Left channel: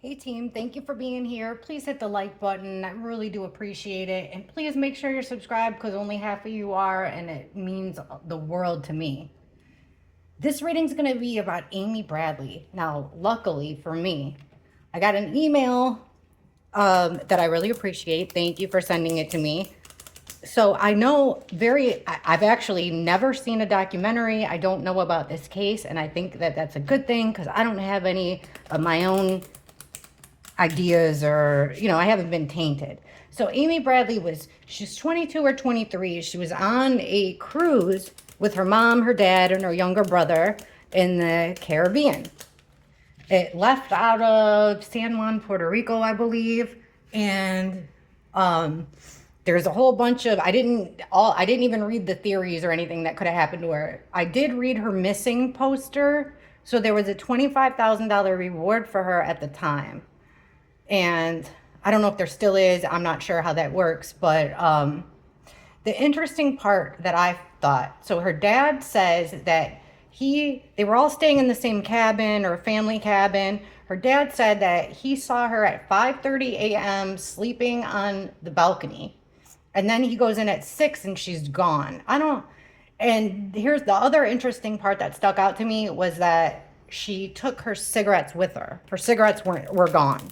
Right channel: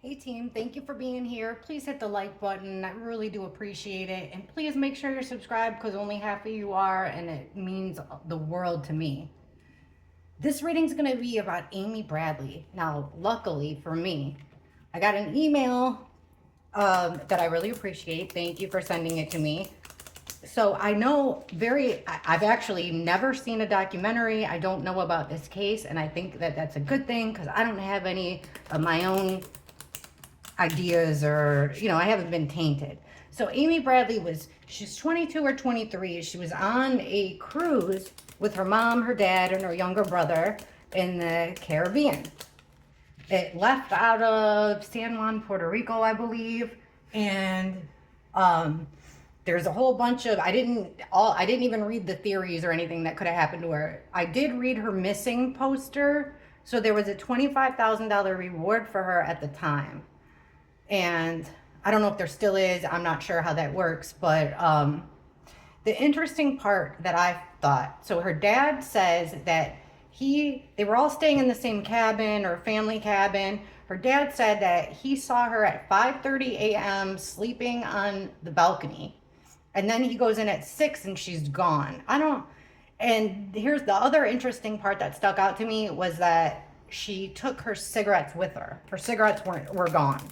Hey team, thank you for being here. Please hit the like button. I really do appreciate it. And please make sure you're subscribed because only half of you are, and it means the world to me. This reading's going to be about Amy Bradley. Now, luckily for me, I got an email that I really appreciate. Thank you for sending it to me. So I know I've actually never seen a documentary. I don't know about this case, and I think that that's a good thing because I don't have any of my own ideas or, I haven't been tainted. So Amy Bradley she's 22 or 23. She was on a cruise with her mom, her dad, and her younger brother in the Caribbean. It left out of San Juan, Puerto Rico, I believe. And there's a whole bunch of, I didn't even read the theories or anything that could have happened to her. I did read her missing poster. So there was a $25,000 reward for her at the time. And I don't know if there still is. I'm not sure how that works. But the interesting part that I thought, so her dad says that they were all staying in the same cabin or family cabin. Her dad said that he saw her at 5:30 a.m. sleeping on the balcony. And then he goes in at 6 and she's gone. And here's the other interesting part that stuck out to me was that she took her cigarettes with her. Her cigarettes were gone.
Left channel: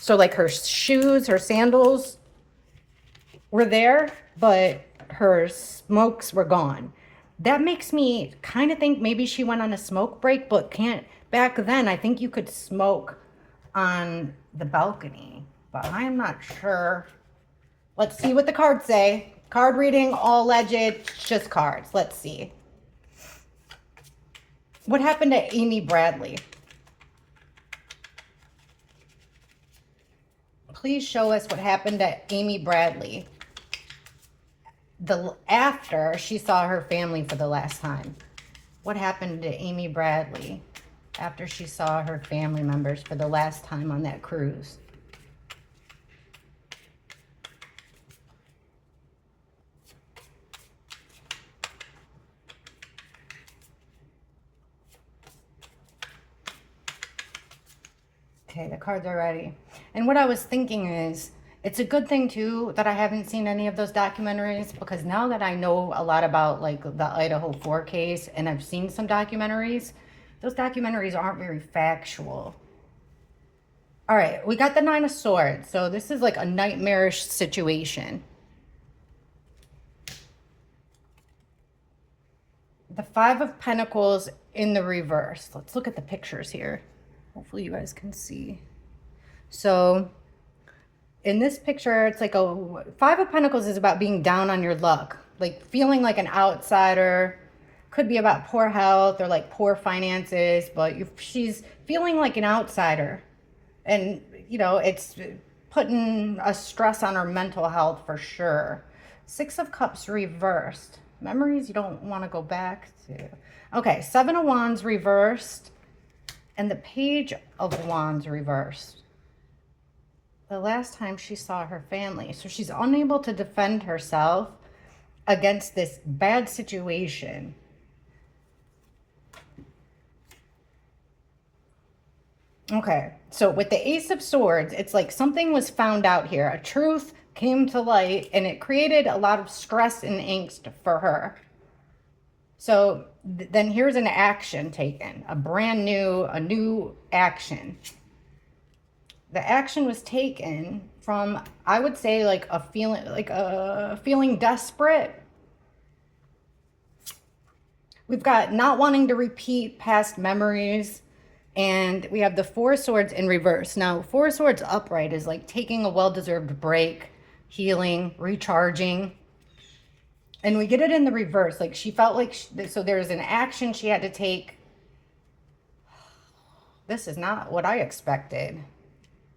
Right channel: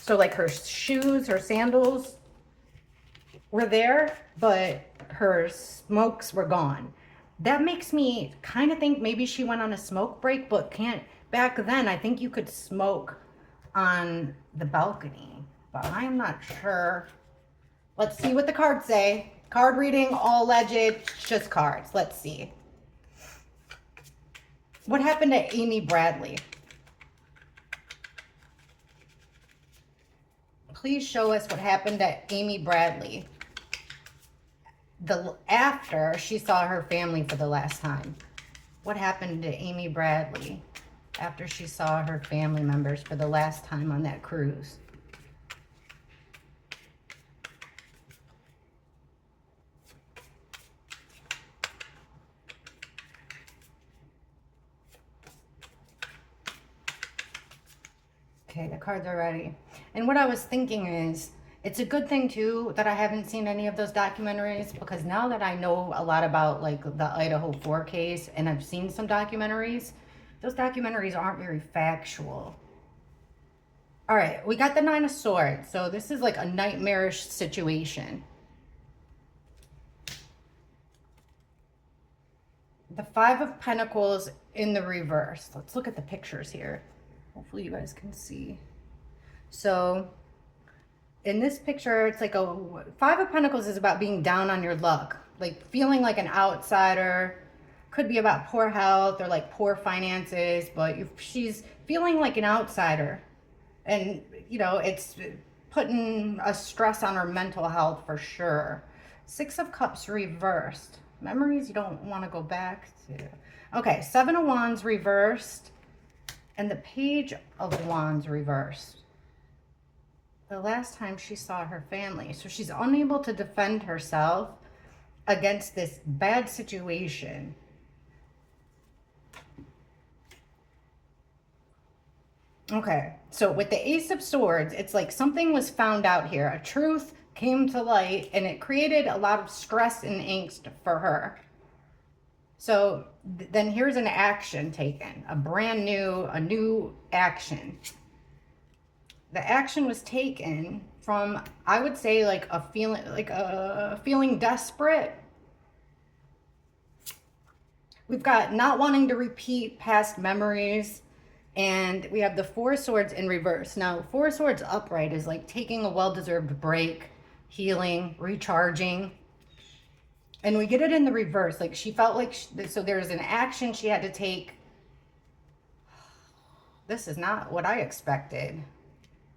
So like her shoes, her sandals were there, but her smokes were gone. That makes me kind of think maybe she went on a smoke break, but back then I think you could smoke on the balcony, but I'm not sure. Let's see what the cards say. Card reading, all alleged, just cards. Let's see. What happened to Amy Bradley? Please show us what happened to Amy Bradley after she saw her family for the last time. What happened to Amy Bradley after she saw her family members for the last time on that cruise? Okay, the cards are ready. And what I was thinking is, it's a good thing too that I haven't seen any of those documentaries, because now that I know a lot about like the Idaho 4 case and I've seen some documentaries, those documentaries aren't very factual. All right, we got the Nine of Swords. So this is like a nightmarish situation. The Five of Pentacles in the reverse. Let's look at the pictures here. Hopefully you guys can see. So in this picture, it's like Five of Pentacles is about being down on your luck, like feeling like an outsider. Could be about poor health or like poor finances, but she's feeling like an outsider. And, it's putting a stress on her mental health for sure. Six of Cups reversed. Memories you don't want to go back to. Okay, Seven of Wands reversed. And the Page of Wands reversed. The last time she saw her family. So she's unable to defend herself against this bad situation. Okay, so with the Ace of Swords, it's like something was found out here. A truth came to light and it created a lot of stress and angst for her. So then here's an action taken, a new action. The action was taken from, I would say, like a feeling desperate. We've got not wanting to repeat past memories, and we have the Four of Swords in reverse. Now, Four of Swords upright is like taking a well-deserved break, healing, recharging. And we get it in the reverse. Like she felt like, so there was an action she had to take. This is not what I expected.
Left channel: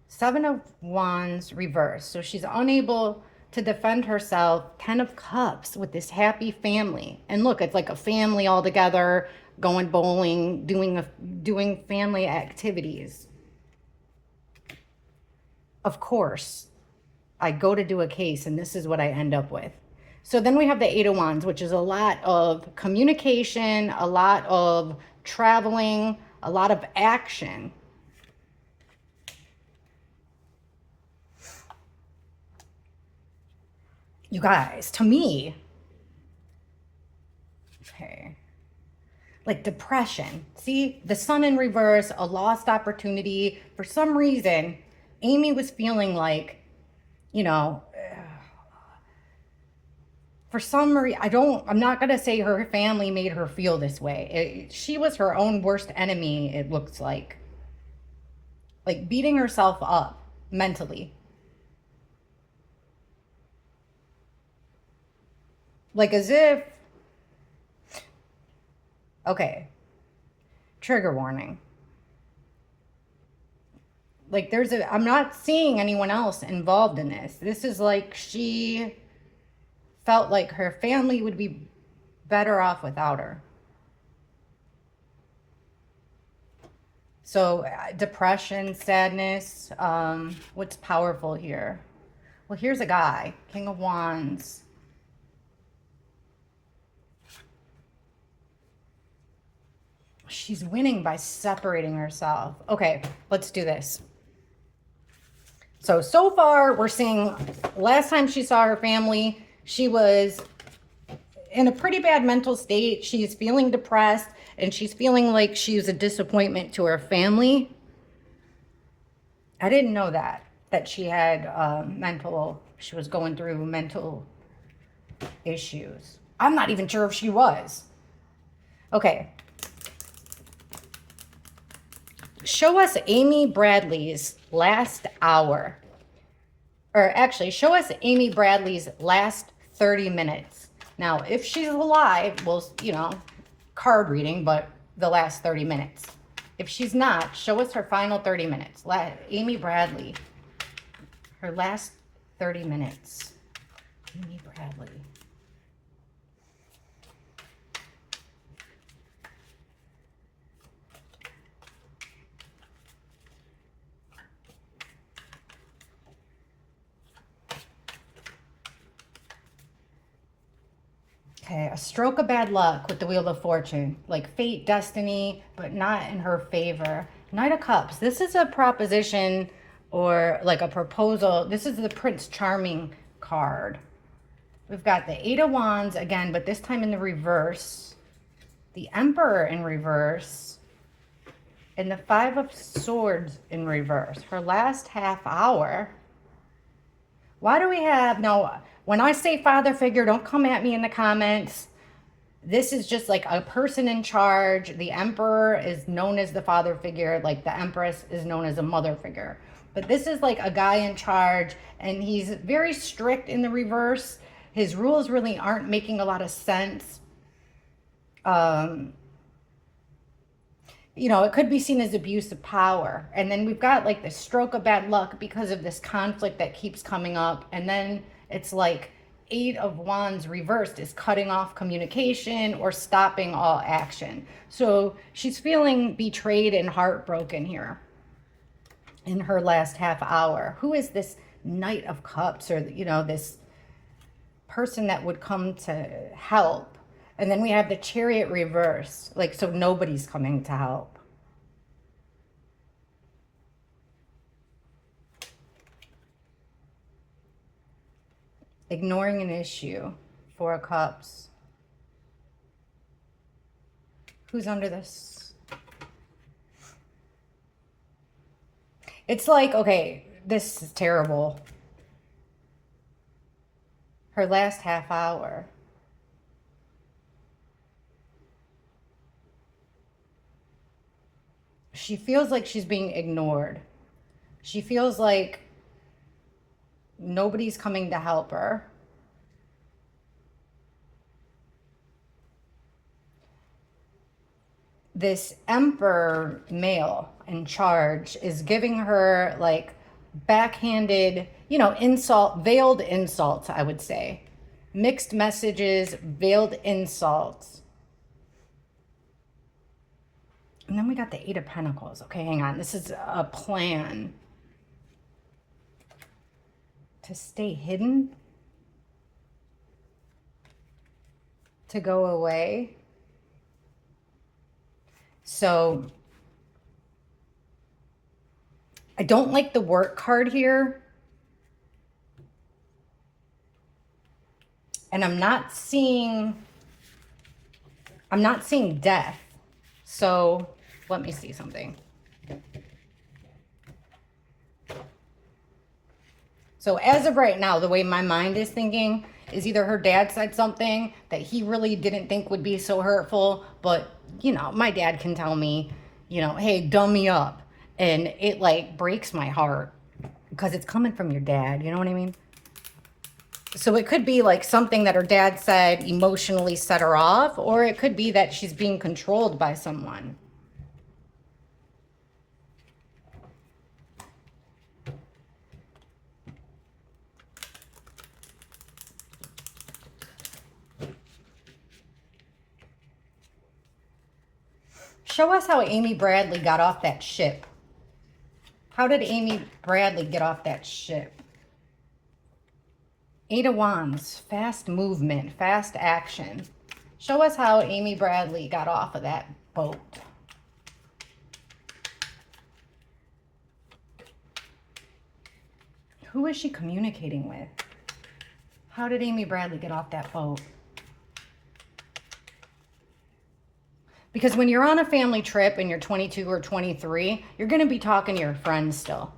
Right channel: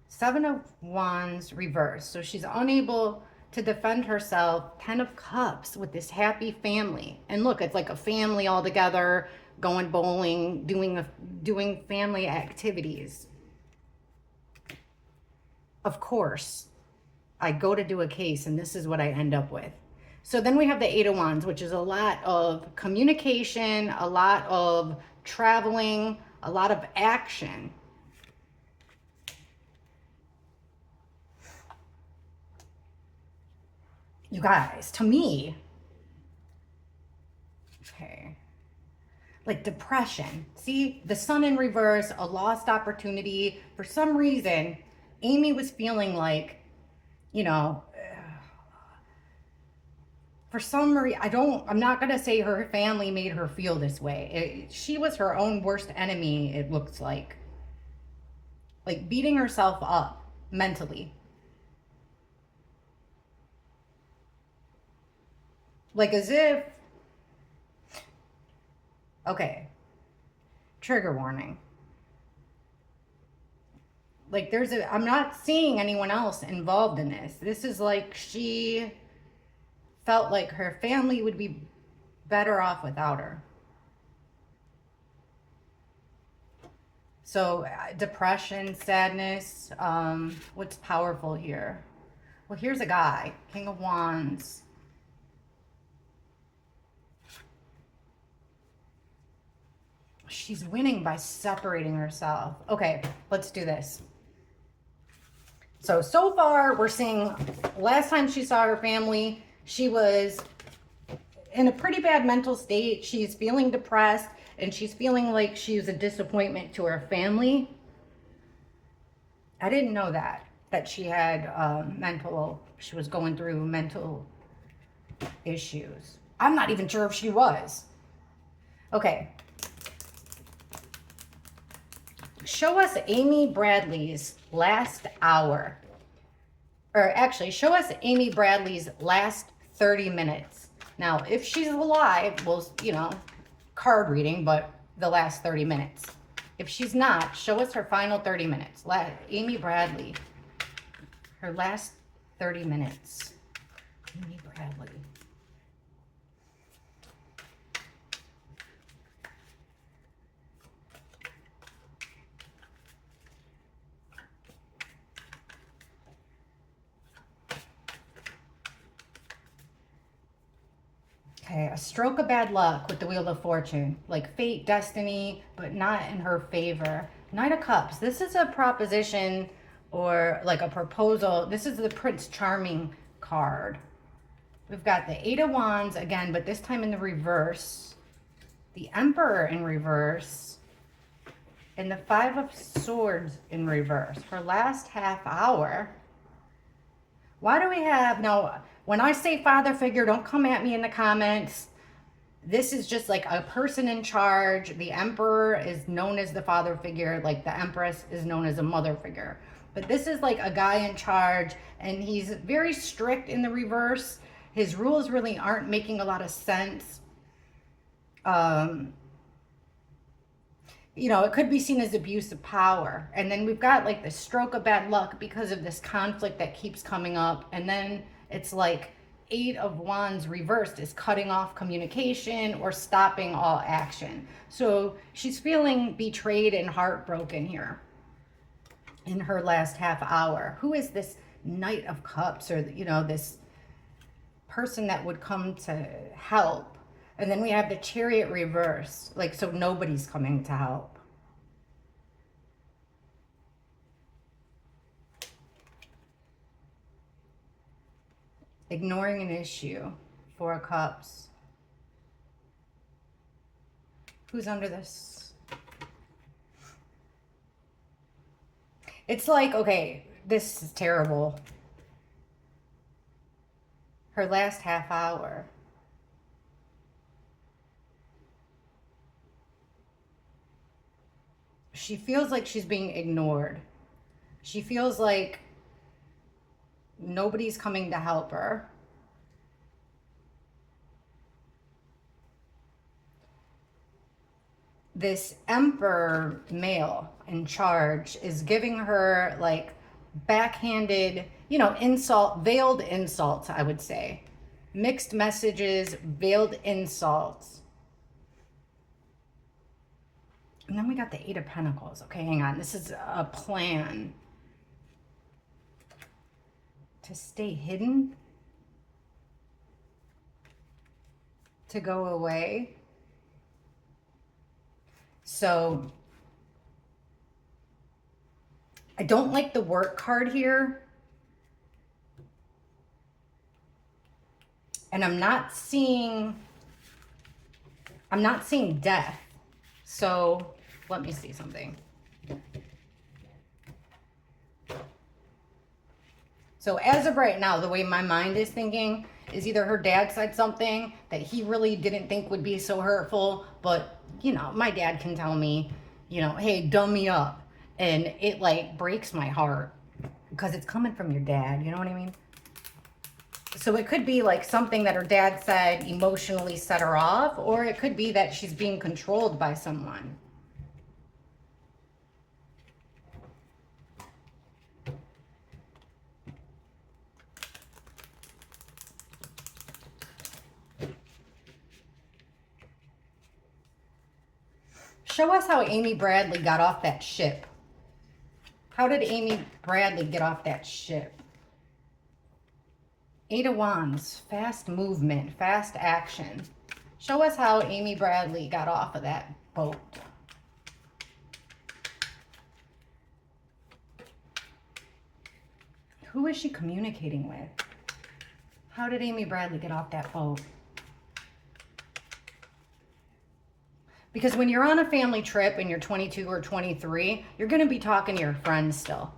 Seven of Wands reverse. So she's unable to defend herself. 10 of Cups with this happy family. And look, it's like a family all together, going bowling, doing family activities. Of course, I go to do a case and this is what I end up with. So then we have the Eight of Wands, which is a lot of communication, a lot of traveling, a lot of action. You guys, to me, okay, like depression. See, the sun in reverse, a lost opportunity. For some reason, Amy was feeling like, you know, for some reason, I'm not going to say her family made her feel this way. She was her own worst enemy, it looks like beating herself up mentally. Like as if, okay, trigger warning. Like I'm not seeing anyone else involved in this. This is like she felt like her family would be better off without her. So depression, sadness, what's powerful here? Well, here's a guy, King of Wands. She's winning by separating herself. Okay, let's do this. So far we're seeing last time she saw her family, she was in a pretty bad mental state. She's feeling depressed and she's feeling like she's a disappointment to her family. I didn't know that she had she was going through mental issues. I'm not even sure if she was. Okay. Show us Amy Bradley's last hour. Or actually, show us Amy Bradley's last 30 minutes. Now, if she's alive, well, card reading, but the last 30 minutes. If she's not, show us her final 30 minutes. Amy Bradley, her last 30 minutes. Amy Bradley. Okay, a stroke of bad luck with the Wheel of Fortune. Like fate, destiny, but not in her favor. Knight of Cups. This is a proposition or like a proposal. This is the Prince Charming card. We've got the Eight of Wands again, but this time in the reverse. The Emperor in reverse. And the Five of Swords in reverse. Her last half hour. Why do we have... Now, when I say father figure, don't come at me in the comments. This is just like a person in charge. The Emperor is known as the father figure. Like the Empress is known as a mother figure. But this is like a guy in charge. And he's very strict in the reverse. His rules really aren't making a lot of sense. It could be seen as abuse of power. And then we've got like the stroke of bad luck because of this conflict that keeps coming up. And then it's like Eight of Wands reversed is cutting off communication or stopping all action. So she's feeling betrayed and heartbroken here in her last half hour. Who is this Knight of Cups, or this person that would come to help? And then we have the Chariot reverse, like, so nobody's coming to help. Ignoring an issue. Four of Cups. Who's under this? It's like, okay, this is terrible. Her last half hour. She feels like she's being ignored. She feels like nobody's coming to help her. This Emperor male in charge is giving her like backhanded, insult, veiled insults, I would say. Mixed messages, veiled insults. And then we got the Eight of Pentacles. Okay, hang on. This is a plan to stay hidden, to go away. So I don't like the work card here. And I'm not seeing death. So let me see something. So as of right now, the way my mind is thinking is either her dad said something that he really didn't think would be so hurtful, but, you know, my dad can tell me, you know, hey, dumb me up. And it like breaks my heart because it's coming from your dad. You know what I mean? So it could be like something that her dad said emotionally set her off, or it could be that she's being controlled by someone. Show us how Amy Bradley got off that ship. How did Amy Bradley get off that ship? Eight of Wands, fast movement, fast action. Show us how Amy Bradley got off of that boat. Who is she communicating with? How did Amy Bradley get off that boat? Because when you're on a family trip and you're 22 or 23, you're going to be talking to your friends still.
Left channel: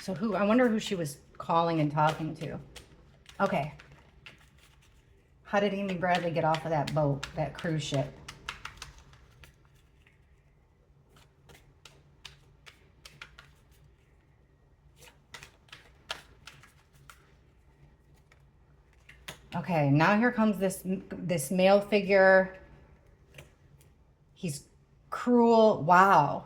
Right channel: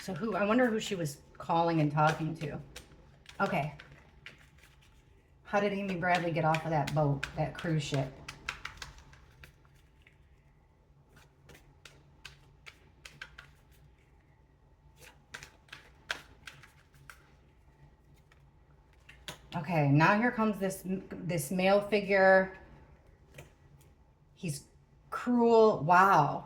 So I wonder who she was calling and talking to. Okay. How did Amy Bradley get off of that boat, that cruise ship? Okay, now here comes this male figure. He's cruel. Wow.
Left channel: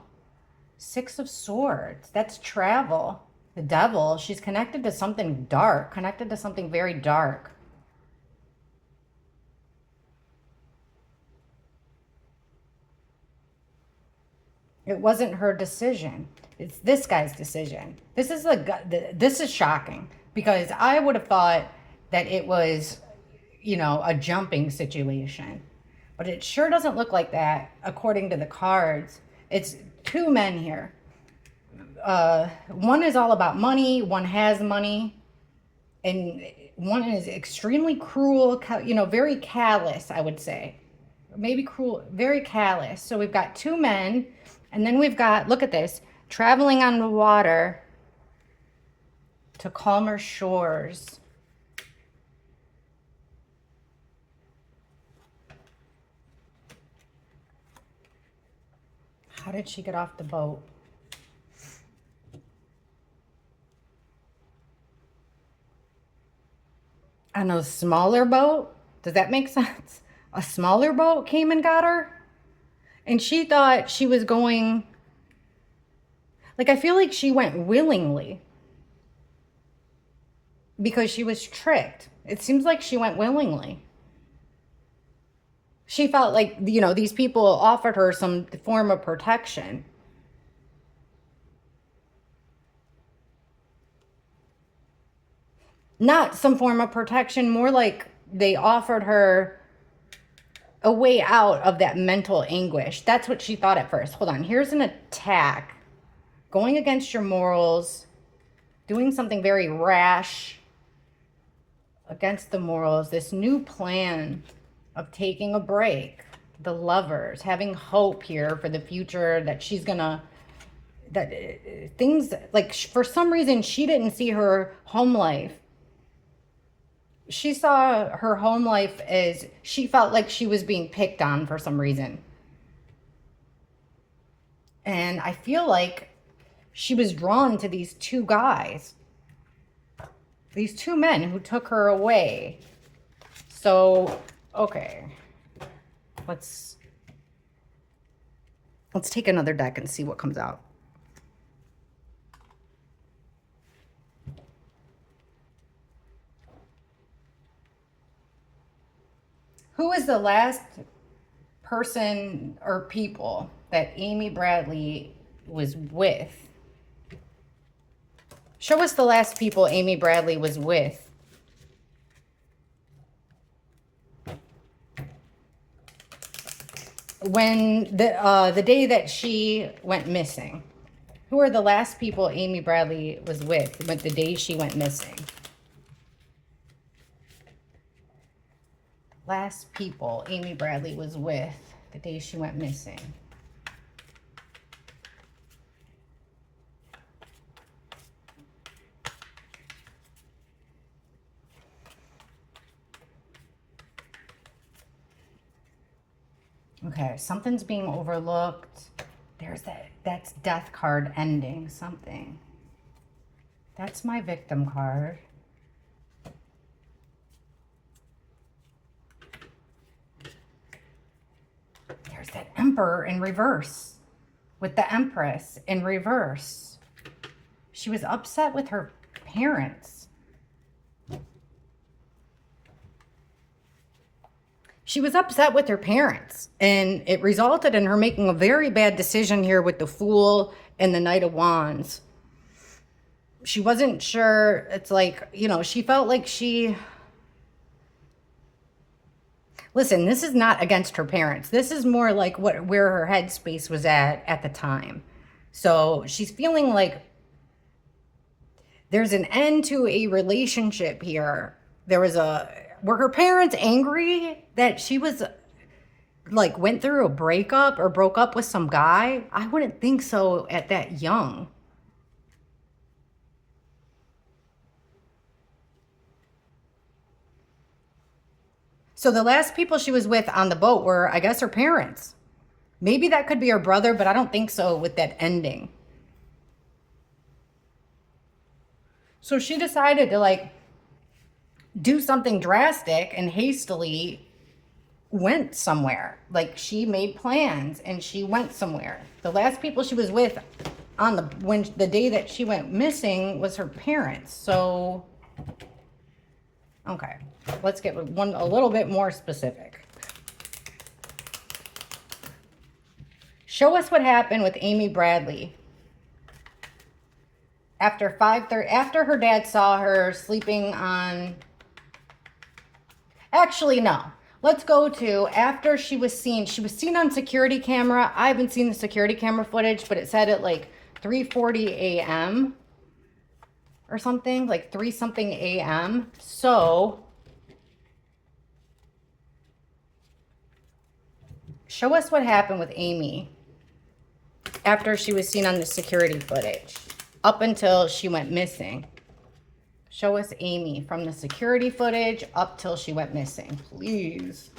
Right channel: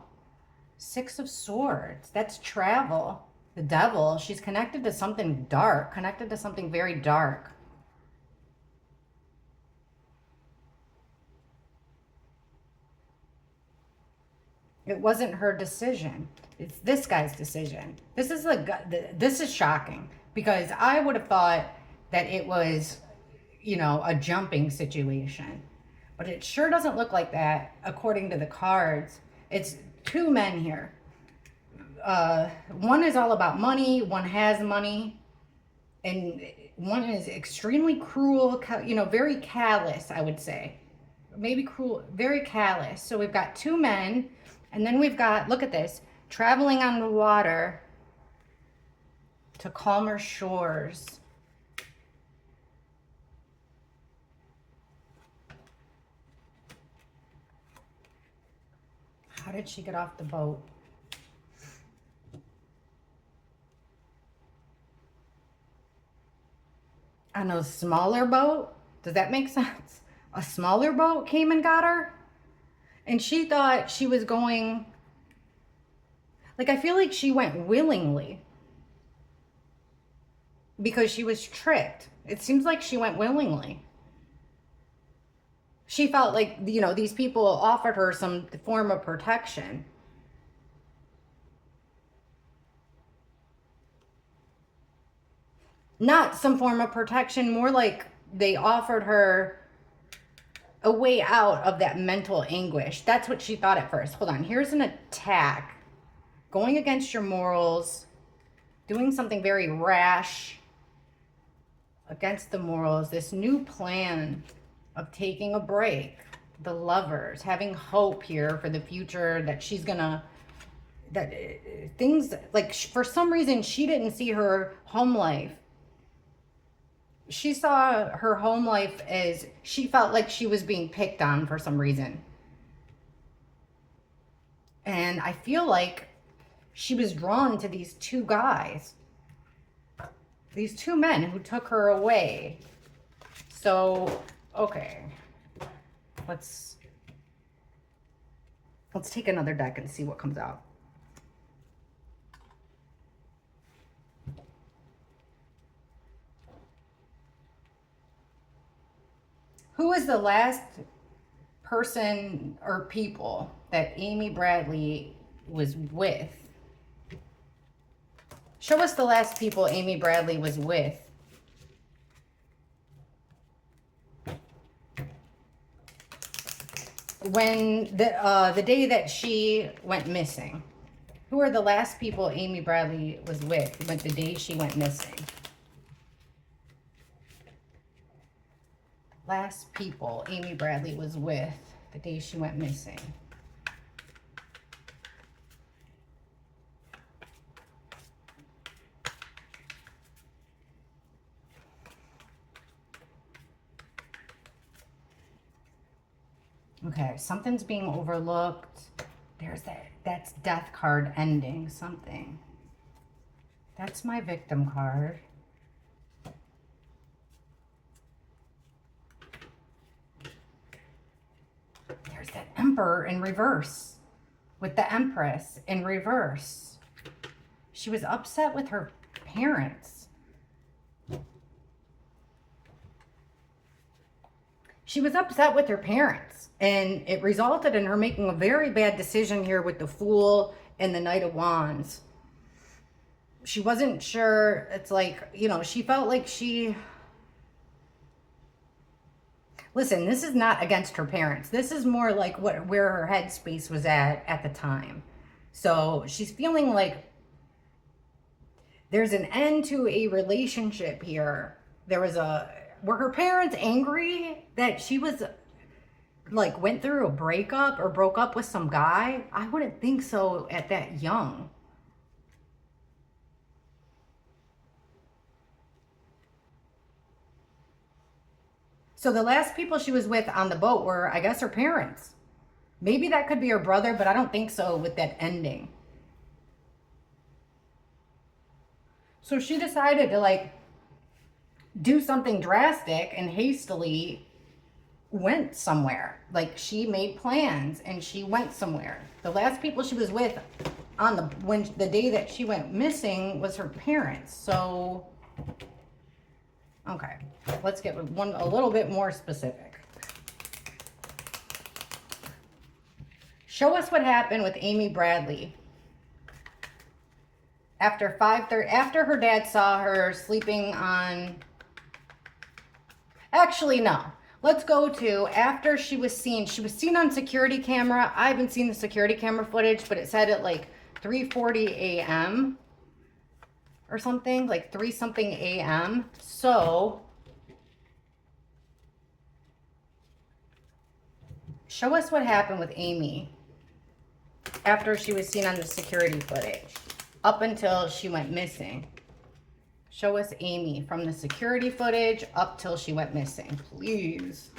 Six of Swords. That's travel. The Devil. She's connected to something dark. Connected to something very dark. It wasn't her decision. It's this guy's decision. This is this is shocking because I would have thought that it was, you know, a jumping situation. But it sure doesn't look like that according to the cards. It's two men here. One is all about money. One has money. And one is extremely cruel, you know, very callous, I would say. Maybe cruel, very callous. So we've got two men. And then we've got, look at this, traveling on the water to calmer shores. How did she get off the boat? On a smaller boat? Does that make sense? A smaller boat came and got her? And she thought she was going... Like, I feel like she went willingly. Because she was tricked. It seems like she went willingly. She felt like, you know, these people offered her some form of protection. Not some form of protection, more like they offered her a way out of that mental anguish. That's what she thought at first. Hold on, here's an attack. Going against your morals, doing something very rash against the morals, this new plan of taking a break, the Lovers, having hope here for the future that she's gonna, that things, like for some reason she didn't see her home life. She saw her home life as, she felt like she was being picked on for some reason. And I feel like she was drawn to these two guys, these two men who took her away. So, okay, let's take another deck and see what comes out. Who is the last person or people that Amy Bradley was with? Show us the last people Amy Bradley was with. When the day that she went missing. Who are the last people Amy Bradley was with the day she went missing? last people Amy Bradley was with the day she went missing. Okay, something's being overlooked. There's that's death card ending something. That's my victim card. There's that Emperor in reverse with the Empress in reverse. She was upset with her parents. She was upset with her parents, and it resulted in her making a very bad decision here with the Fool and the Knight of Wands. She wasn't sure. It's like, you know, she felt like she... Listen, this is not against her parents. This is more like where her headspace was at the time. So she's feeling like there's an end to a relationship here. Were her parents angry that she was like went through a breakup or broke up with some guy? I wouldn't think so at that young. So the last people she was with on the boat were, I guess, her parents. Maybe that could be her brother, but I don't think so with that ending. So she decided to like do something drastic and hastily went somewhere. Like she made plans and she went somewhere. The last people she was with on the day that she went missing was her parents. So okay, let's get a little bit more specific. Show us what happened with Amy Bradley after 5:30, after her dad saw her sleeping on... Actually, no. Let's go to after she was seen. She was seen on security camera. I haven't seen the security camera footage, but it said at like 3:40 a.m. or something, like 3 something a.m. So show us what happened with Amy after she was seen on the security footage up until she went missing. Show us Amy from the security footage up till she went missing, please.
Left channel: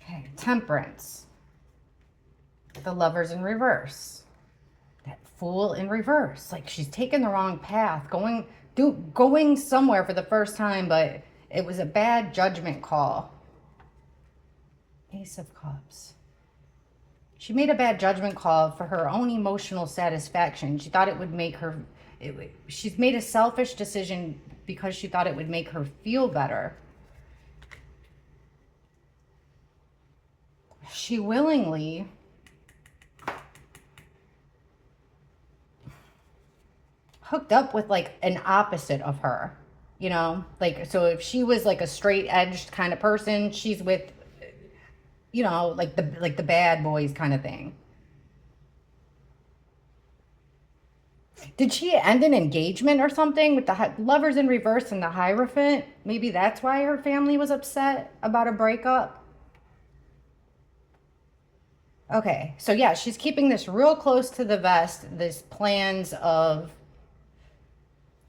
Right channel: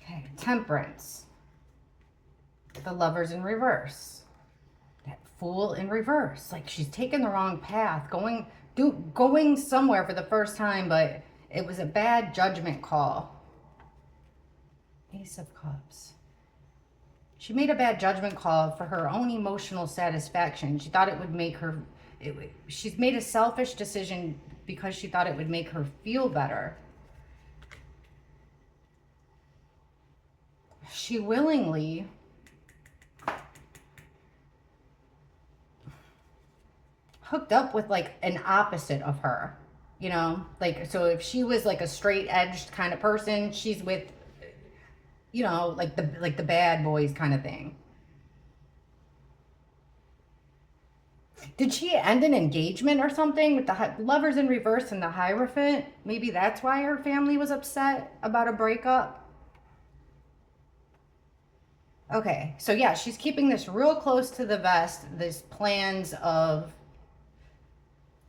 Okay, Temperance. The Lovers in reverse. That Fool in reverse. Like she's taken the wrong path, going somewhere for the first time, but it was a bad judgment call. Ace of Cups. She made a bad judgment call for her own emotional satisfaction. She thought it would make her... she's made a selfish decision because she thought it would make her feel better. She willingly... hooked up with like an opposite of her. You know, like, so if she was like a straight edged kind of person, she's with, you know, like the bad boys kind of thing. Did she end an engagement or something with the Lovers in reverse and the Hierophant? Maybe that's why her family was upset about a breakup. Okay, so yeah, she's keeping this real close to the vest, this plans of,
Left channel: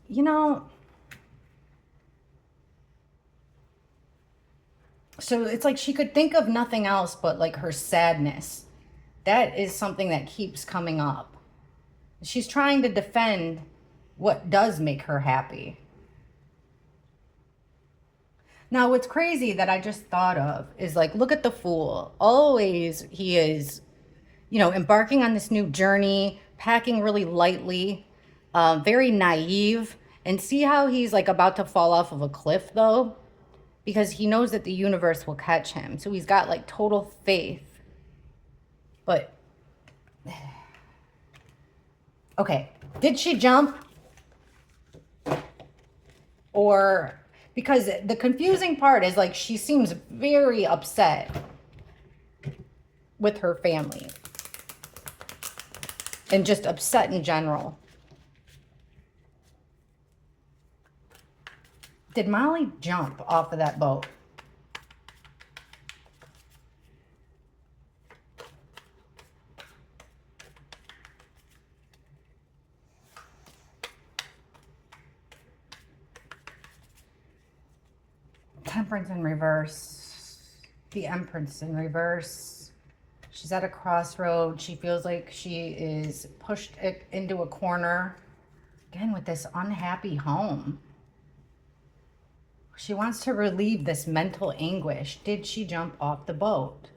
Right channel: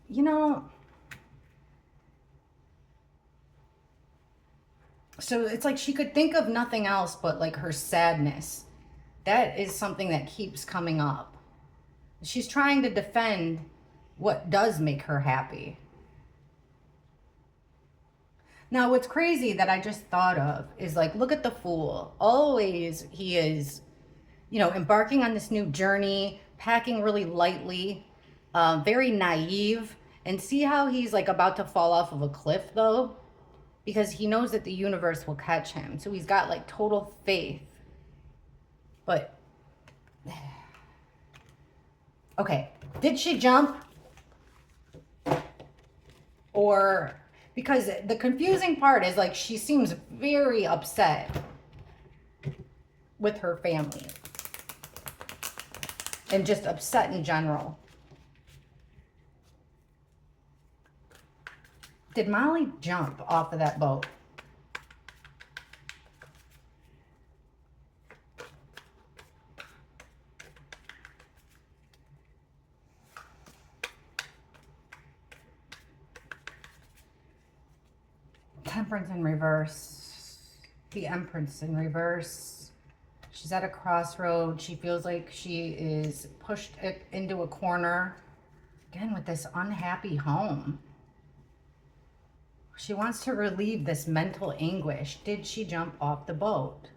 you know... So it's like she could think of nothing else but like her sadness. That is something that keeps coming up. She's trying to defend what does make her happy. Now, what's crazy that I just thought of is like, look at the Fool. Always he is, you know, embarking on this new journey, packing really lightly, very naive. And see how he's like about to fall off of a cliff though? Because he knows that the universe will catch him. So he's got like total faith. But, okay, did she jump? Or, because the confusing part is like she seems very upset. with her family and just upset in general. Did Molly jump off of that boat? Temperance in reverse. The Empress in reverse. She's at a crossroad. She feels like she is pushed into a corner. Again, with this unhappy home. She wants to relieve this mental anguish. Did she jump off the boat?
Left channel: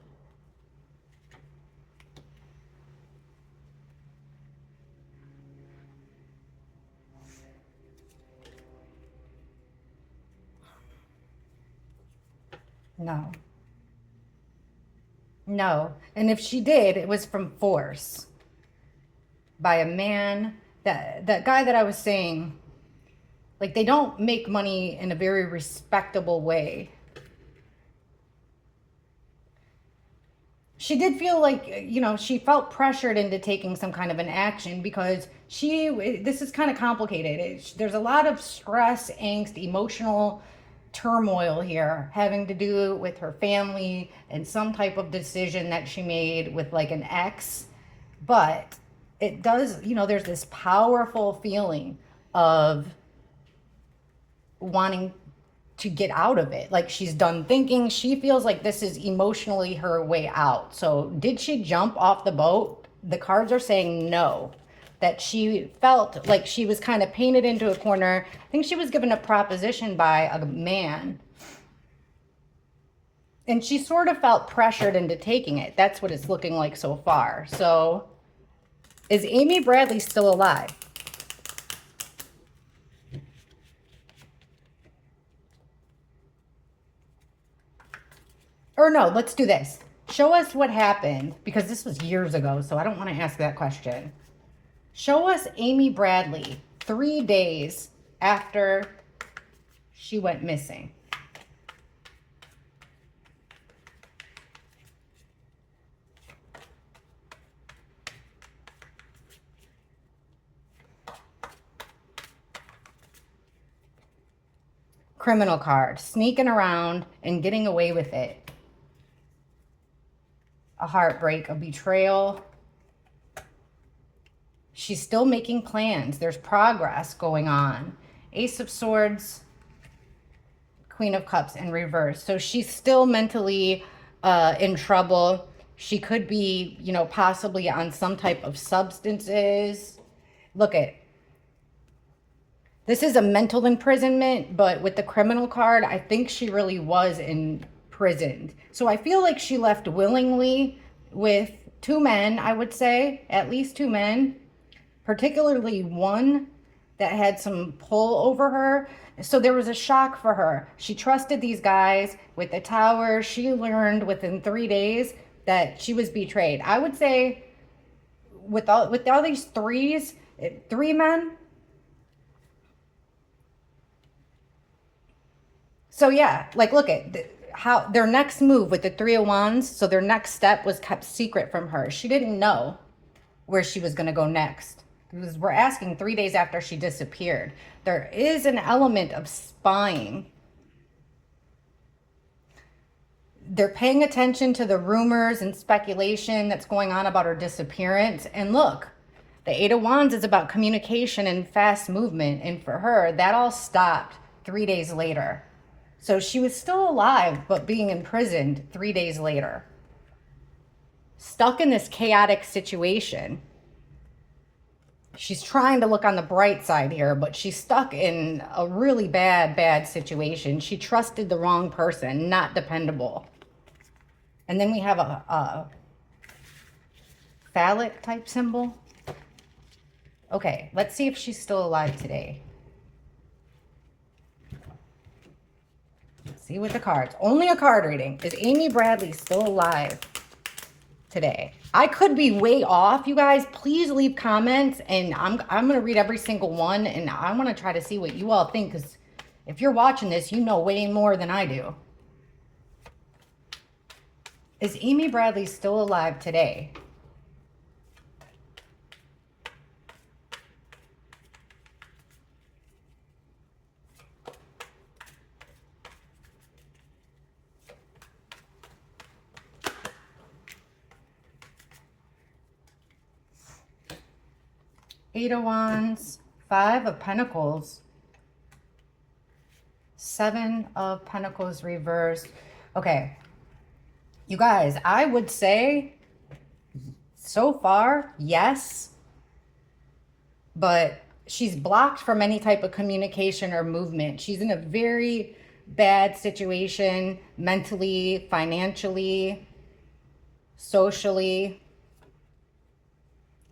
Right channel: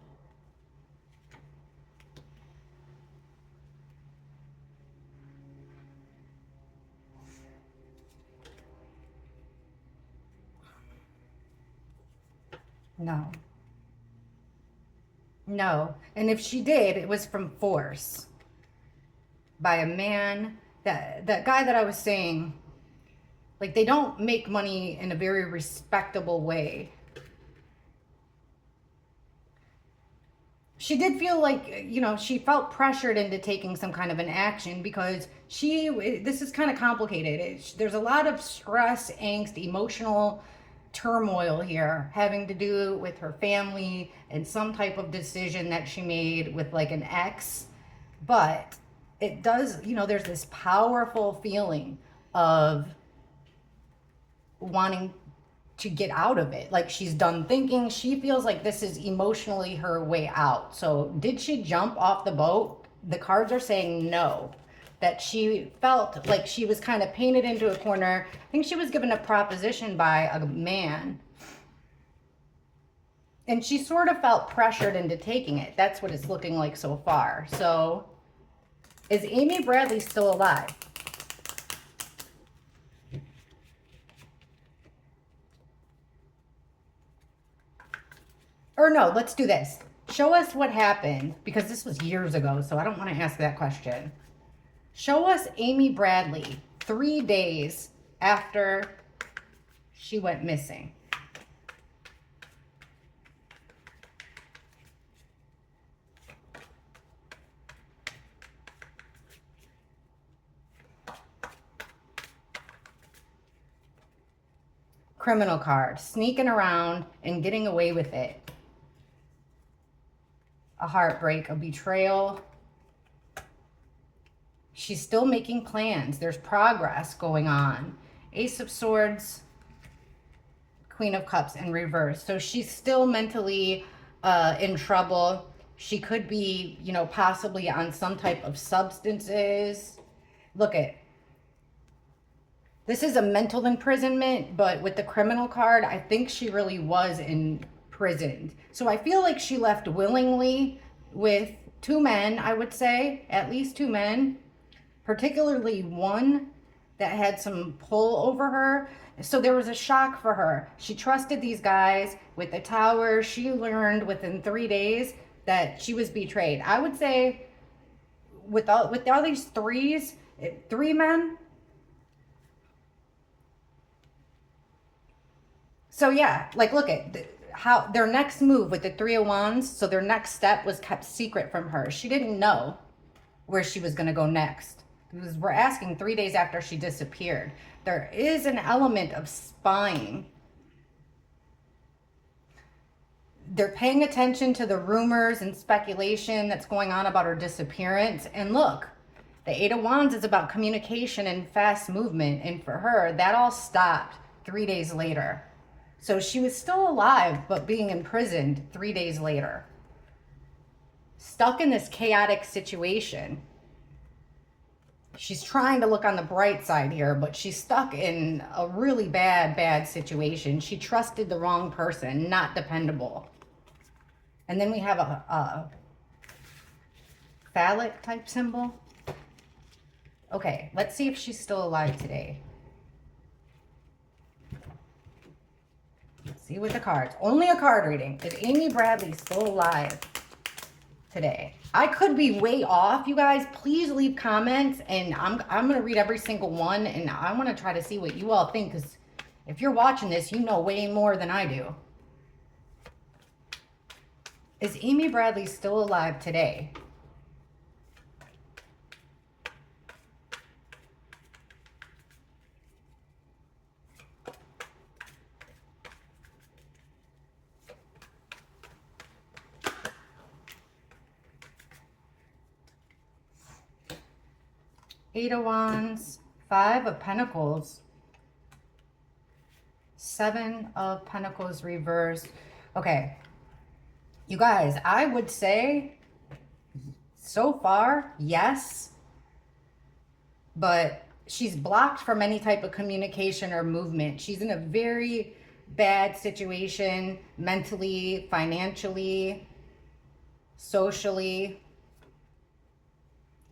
No. No. And if she did, it was from force. By a man. That guy that I was saying, like, they don't make money in a very respectable way. She did feel like, you know, she felt pressured into taking some kind of an action because this is kind of complicated. There's a lot of stress, angst, emotional turmoil here having to do with her family and some type of decision that she made with like an ex. But it does, you know, there's this powerful feeling of wanting to get out of it. Like, she's done thinking. She feels like this is emotionally her way out. So did she jump off the boat? The cards are saying no. That she felt like she was kind of painted into a corner. I think she was given a proposition by a man. And she sort of felt pressured into taking it. That's what it's looking like so far. So is Amy Bradley still alive? Or no, let's do this. Show us what happened, because this was years ago, so I don't want to ask that question. Show us Amy Bradley 3 days after she went missing. Criminal card, sneaking around and getting away with it. A heartbreak, a betrayal. She's still making plans. There's progress going on. Ace of Swords, Queen of Cups in reverse. So she's still mentally in trouble. She could be, you know, possibly on some type of substances. Look at, this is a mental imprisonment, but with the criminal card, I think she really was imprisoned. So I feel like she left willingly with 2 men, I would say, at least 2 men, particularly one that had some pull over her. So there was a shock for her. She trusted these guys with the tower. She learned within 3 days that she was betrayed. I would say with all these 3 men. So yeah, like, look at how their next move with the 3 of Wands. So their next step was kept secret from her. She didn't know where she was going to go next. Because we're asking 3 days after she disappeared. There is an element of spying. They're paying attention to the rumors and speculation that's going on about her disappearance. And look, the 8 of Wands is about communication and fast movement. And for her, that all stopped 3 days later. So she was still alive, but being imprisoned 3 days later. Stuck in this chaotic situation. She's trying to look on the bright side here, but she's stuck in a really bad situation. She trusted the wrong person, not dependable. And then we have a phallic type symbol. Okay, let's see if she's still alive today. Let's see with the cards. Only a card reading. Is Amy Bradley still alive today? I could be way off, you guys. Please leave comments, and I'm going to read every single one, and I want to try to see what you all think, because if you're watching this, you know way more than I do. Is Amy Bradley still alive today? Eight of Wands, Five of Pentacles, Seven of Pentacles reversed. Okay, you guys, I would say so far, yes, but she's blocked from any type of communication or movement. She's in a very bad situation mentally, financially, socially,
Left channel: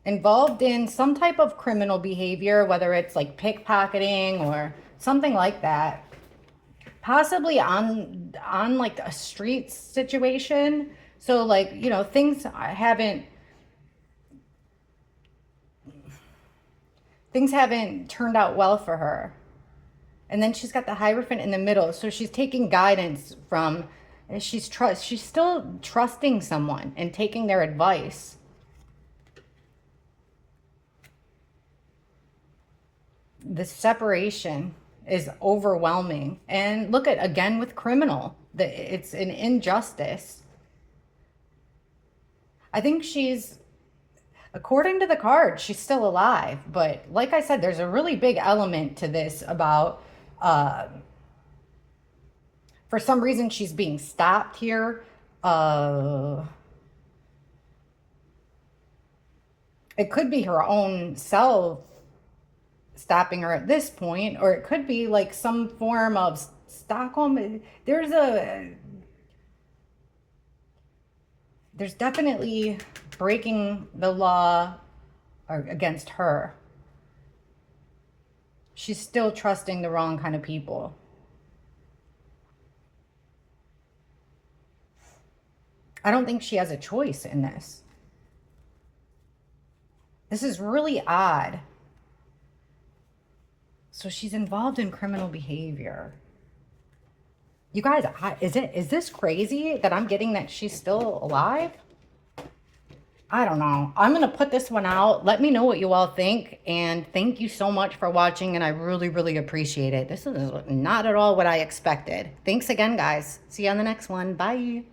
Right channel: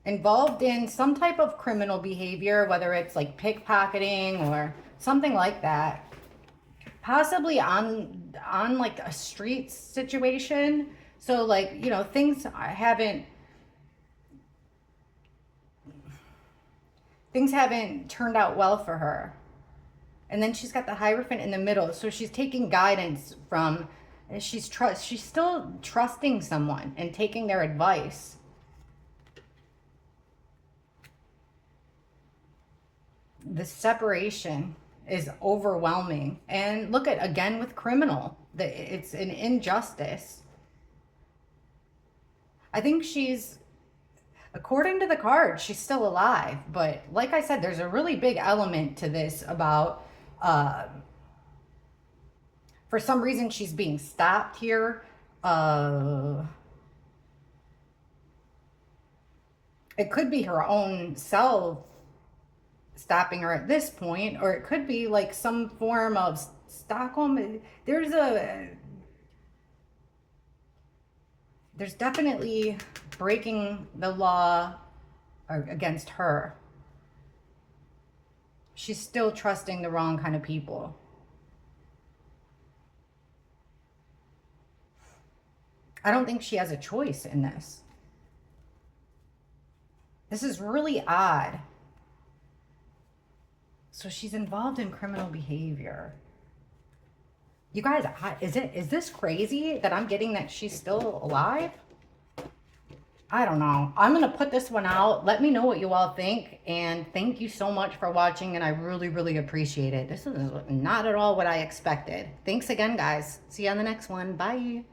involved in some type of criminal behavior, whether it's like pickpocketing or something like that. Possibly on like a street situation. So like, you know, things haven't turned out well for her. And then she's got the Hierophant in the middle. So she's taking guidance from, and she's still trusting someone and taking their advice. The separation is overwhelming. And look at, again, with criminal, it's an injustice. I think according to the card, she's still alive. But like I said, there's a really big element to this about, for some reason, she's being stopped here. It could be her own self stopping her at this point, or it could be like some form of Stockholm. There's definitely breaking the law against her. She's still trusting the wrong kind of people. I don't think she has a choice in this. This is really odd. So she's involved in criminal behavior. You guys, is this crazy that I'm getting that she's still alive? I don't know. I'm going to put this one out. Let me know what you all think. And thank you so much for watching. And I really, really appreciate it. This is not at all what I expected. Thanks again, guys. See you on the next one. Bye.